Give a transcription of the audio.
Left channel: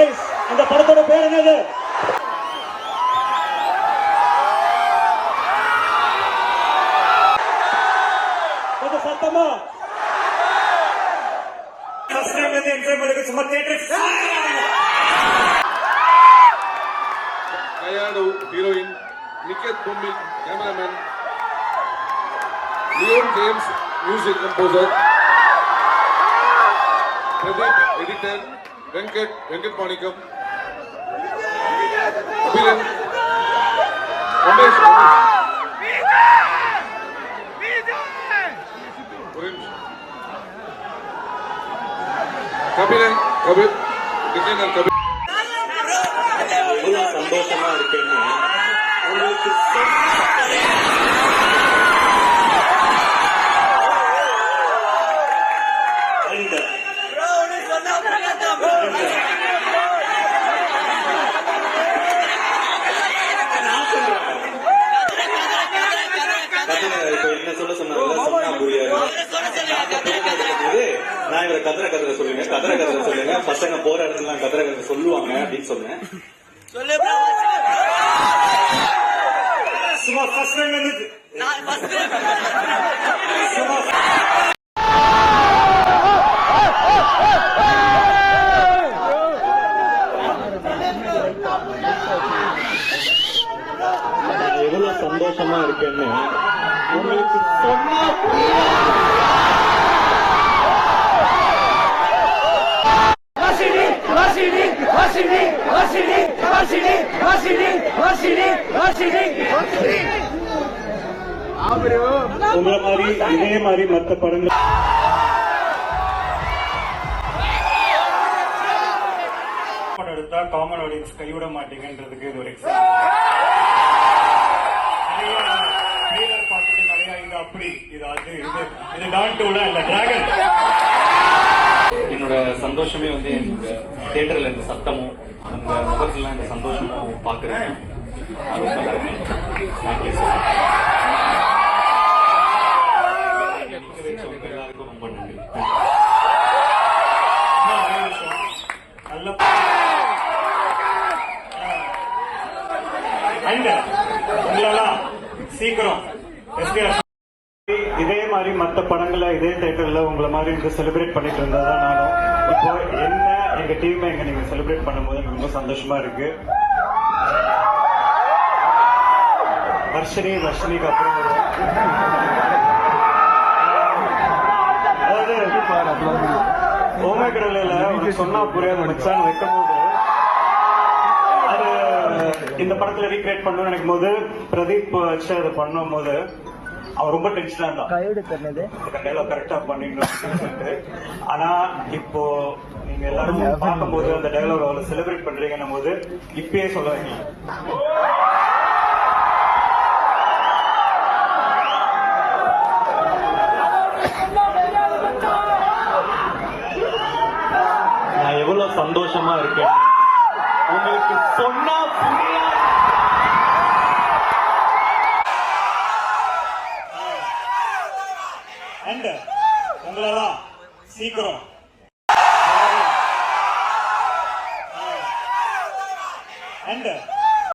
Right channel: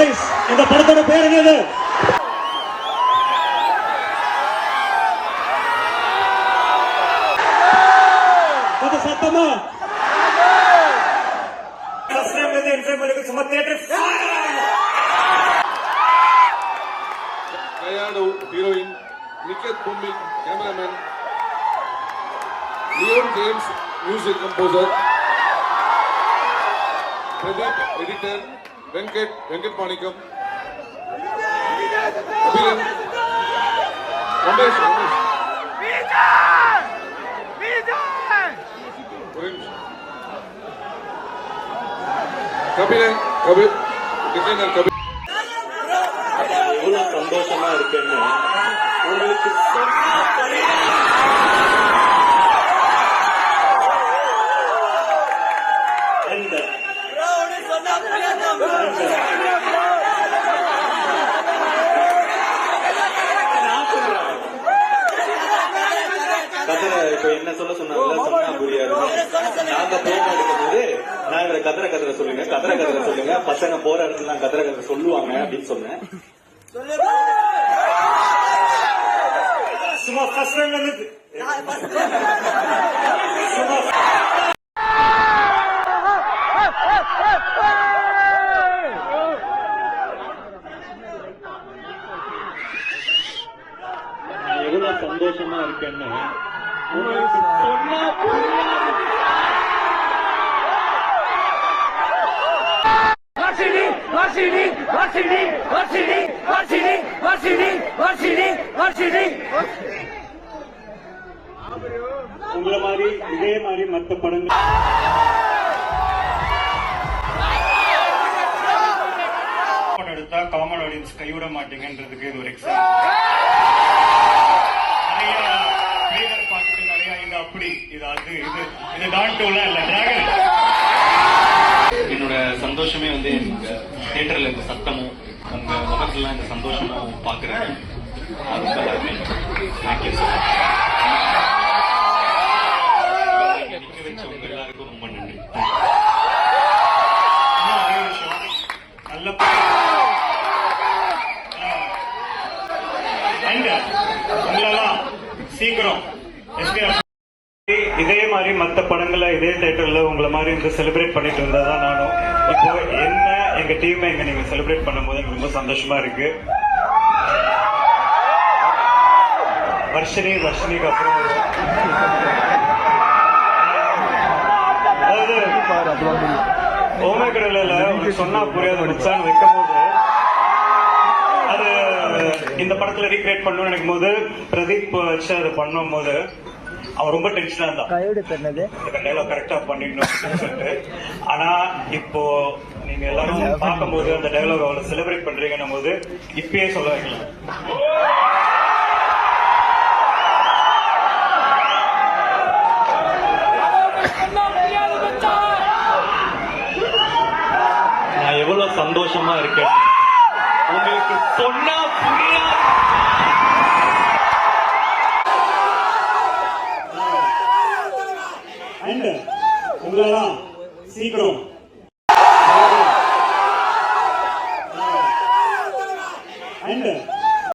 இந்த படத்தோட பேர் என்னது? சத்தமா சும்மா theatre Kayadu, heroine, Niket Bumbil, cameraman, Leon James, music composer, Pradeep, editor, Venkat Manikam, Abilan, Ramesh, Kabir, designer Kabir. எவ்வளவு சந்தோஷமா இருக்கேன்னு உங்களுக்கு இப்ப என்ன சொல்ல சொன்னா புரியாது. நாங்க போராட்டம் எடுக்கும்போது நான் இவரை கதற சொல்லுங்க பசங்க போற இடத்துல கதற சொல்லுவாங்க அப்படின்னு சொன்னேன். சும்மா ஃபர்ஸ்ட் டைம் வந்துச்சு. எவ்வளவு சந்தோஷமா இருக்கேன்னு உங்களுக்கு உங்களை மாதிரி இதே மாதிரி மற்ற படங்கள் எடுத்தா காமன் ஆடியன்ஸ் கைவிட மாட்டீங்கன்றதுக்கு இது ஒரு எக்ஸாம்பிள். நிறைய பார்த்துட்டு நிறைய இது அப்படி இது அது இது டான்டோல இல்ல டிராகன். என்னோட சந்தோஷமே வந்து தியேட்டர்ல இந்த சத்தமும் உங்க முகத்துல இந்த சந்தோஷமும் பாக்குறேன். ரொம்ப ஹாப்பி. Thank you sir. நிக்க வச்ச உங்க எல்லாருக்கும் ரொம்ப நன்றி. நல்ல உங்களெல்லாம் சீக்கிரம் இதே மாதிரி மற்ற படங்களை இதே தியேட்டர்ல உங்களை மாதிரி இங்க செலிப்ரேட் பண்ணிட்டு இருந்ததான் நானும். இப்போ என்ன எங்க டீம் எங்க நீங்க செலிப்ரேட் பண்ணும்போது எனக்கு ரொம்ப சந்தோஷமா இருக்கு. வர்ஷினிக்கு அப்புறம் அதாவது ஓமேக்கடல சொன்னா புரியாது மச்சான் வைக்கும் போது அது இந்த படத்துல ரீக்ரியேட் பண்ணணும்னு நினைக்கும் போது பிரதீப் வச்சு அதை பண்ணும் போது அவன் ரொம்ப டென்ஷனா இருந்தான் கரெக்டா பண்ணிடணும். ஆனா இப்போ நீங்க எல்லாரும் பார்க்கும் போது அந்த டயலாக் அவ்வளவு செலிப்ரேட் பண்றீங்கன்னும் போது இப்பயே சொல்ல வைக்கலாம். நான் எவ்வளவு சந்தோஷமா இருக்கேன் உங்களுக்கு சொன்னா புரியாது.